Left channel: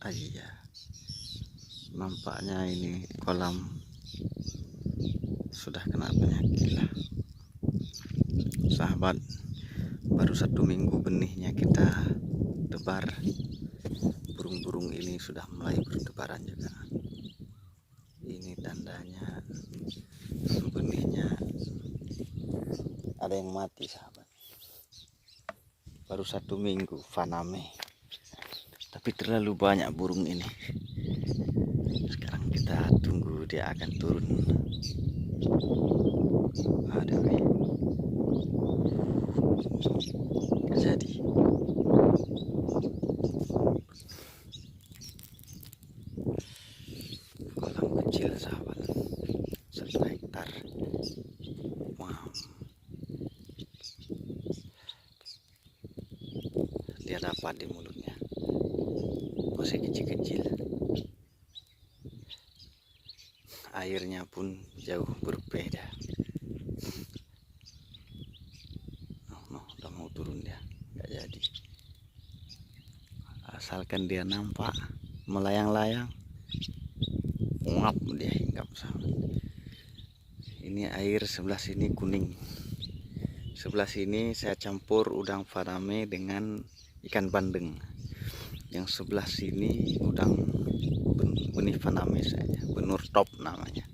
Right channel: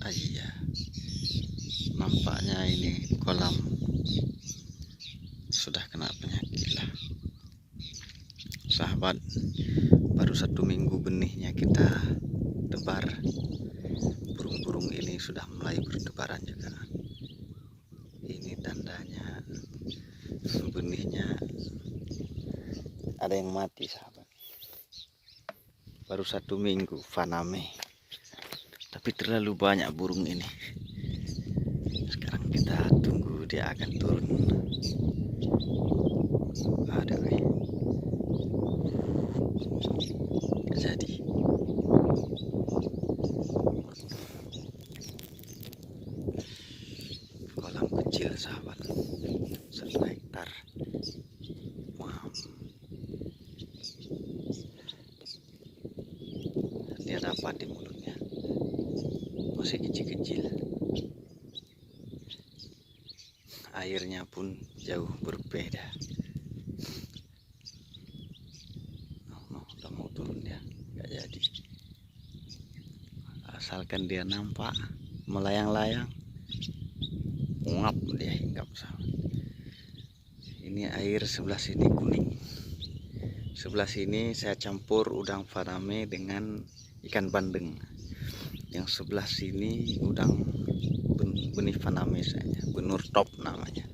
Iya, nampaknya ini kolam sudah kena penyakit lah, sahabat. Baru 1 minggu benihnya kita tebar, burung-burung ini sudah mulai bertebaran juga. Ini tandanya benihnya ada yang mati, sahabat. Baru 1 minggu Faname, tapi terlalu banyak burung ini. Sekarang kita tunggu dia akan turun. Aduh, gak jadi. Kolam kecil, sahabat, 1 hektar. Wow. Dia dapat di mulutnya, masih kecil-kecil. Airnya pun jauh berbeda. Udah mau turun dia, nggak jadi. Asalkan dia nampak melayang-layang, ngap dia hinggap, sahabat. Ini air sebelah sini kuning, sebelah sini saya campur udang Faname dengan ikan bandeng. Yang sebelah sini udang benih Faname saja, benur top namanya.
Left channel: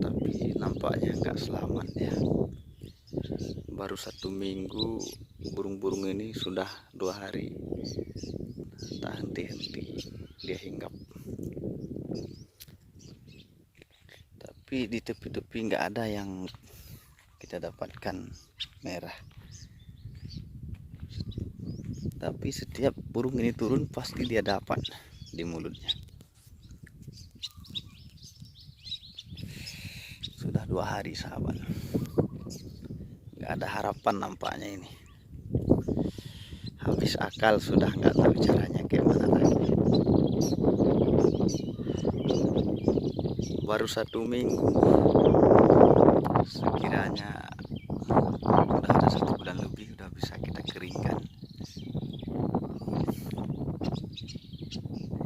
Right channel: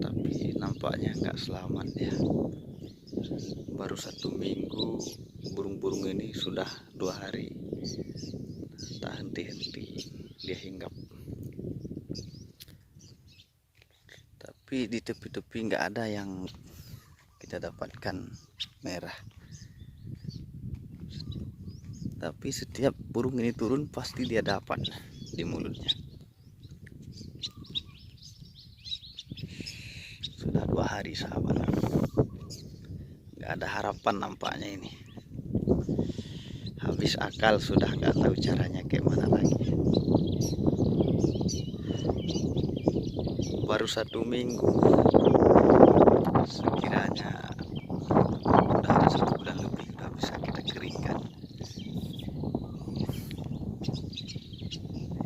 Tapi nampaknya nggak selamat ya. Baru 1 minggu, burung-burung ini sudah 2 hari tak henti-henti dia hinggap. Tapi di tepi-tepi nggak ada yang kita dapatkan merah. Tapi setiap burung ini turun pasti dia dapat di mulutnya. Sudah 2 hari, sahabat. Nggak ada harapan nampaknya ini. Habis akal sudah, nggak tahu caranya gimana lagi. Baru 1 minggu, sekiranya udah ada 1 bulan lebih, udah bisa kita keringkan.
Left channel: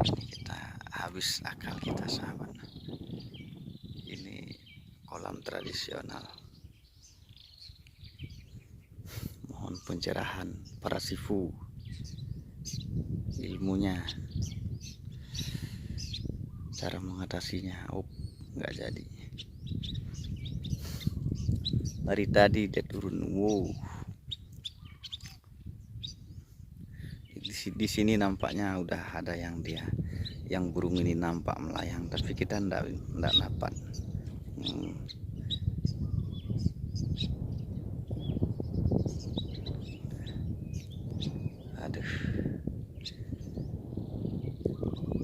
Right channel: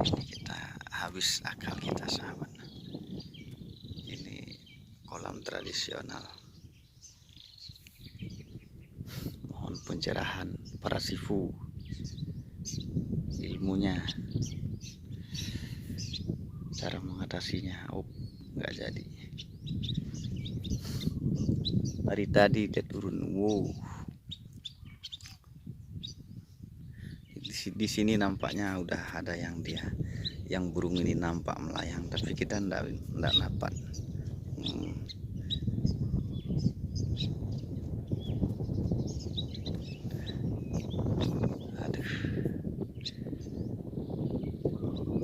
Ini kita habis akal kita, sahabat. Ini kolam tradisional. Mohon pencerahan para sifu, ilmunya, cara mengatasinya. Oh, nggak jadi. Hari tadi dia turun. Wow. Di sini nampaknya udah ada yang burung ini nampak melayang, tapi kita ndak dapat. Aduh,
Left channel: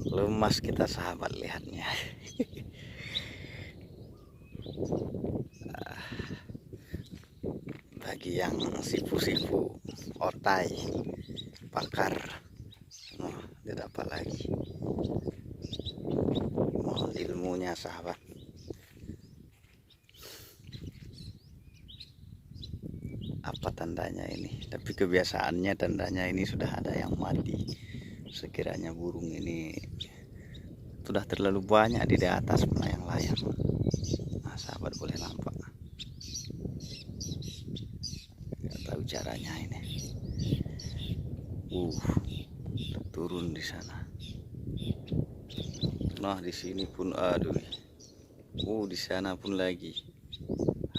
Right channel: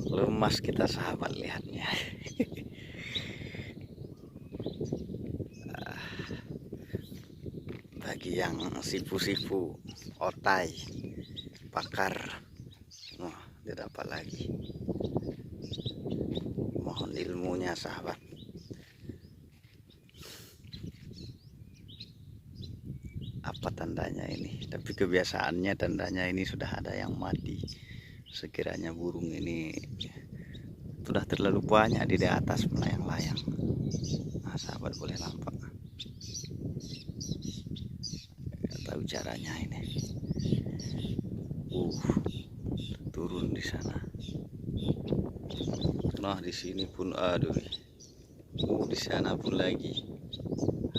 lemas kita, sahabat, lihatnya. Bagi yang sifu-sifu, otai, pakar, dia dapat lagi. Mohon ilmunya, sahabat. Apa tandanya ini? Tapi kebiasaannya tandanya ini sudah ada yang mati. Sekiranya burung ini sudah terlalu banyak di atas melayang-layang. Nah, sahabat boleh nampak. Nggak tahu caranya ini. Turun di sana. Nah, di sini pun, aduh. Di sana pun lagi.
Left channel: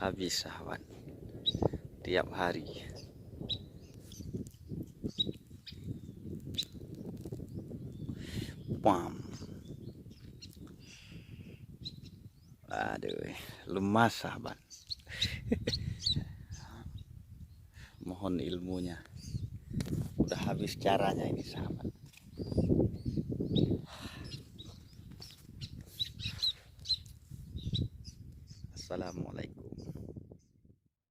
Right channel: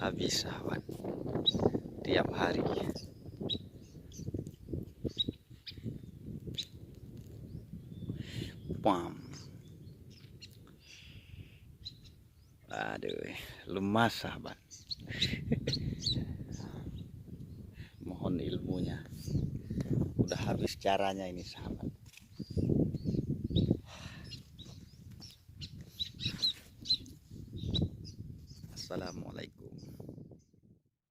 Habis, sahabat. Tiap hari. Pam. Aduh, lemas, sahabat. Mohon ilmunya. Udah habis caranya ini, sahabat.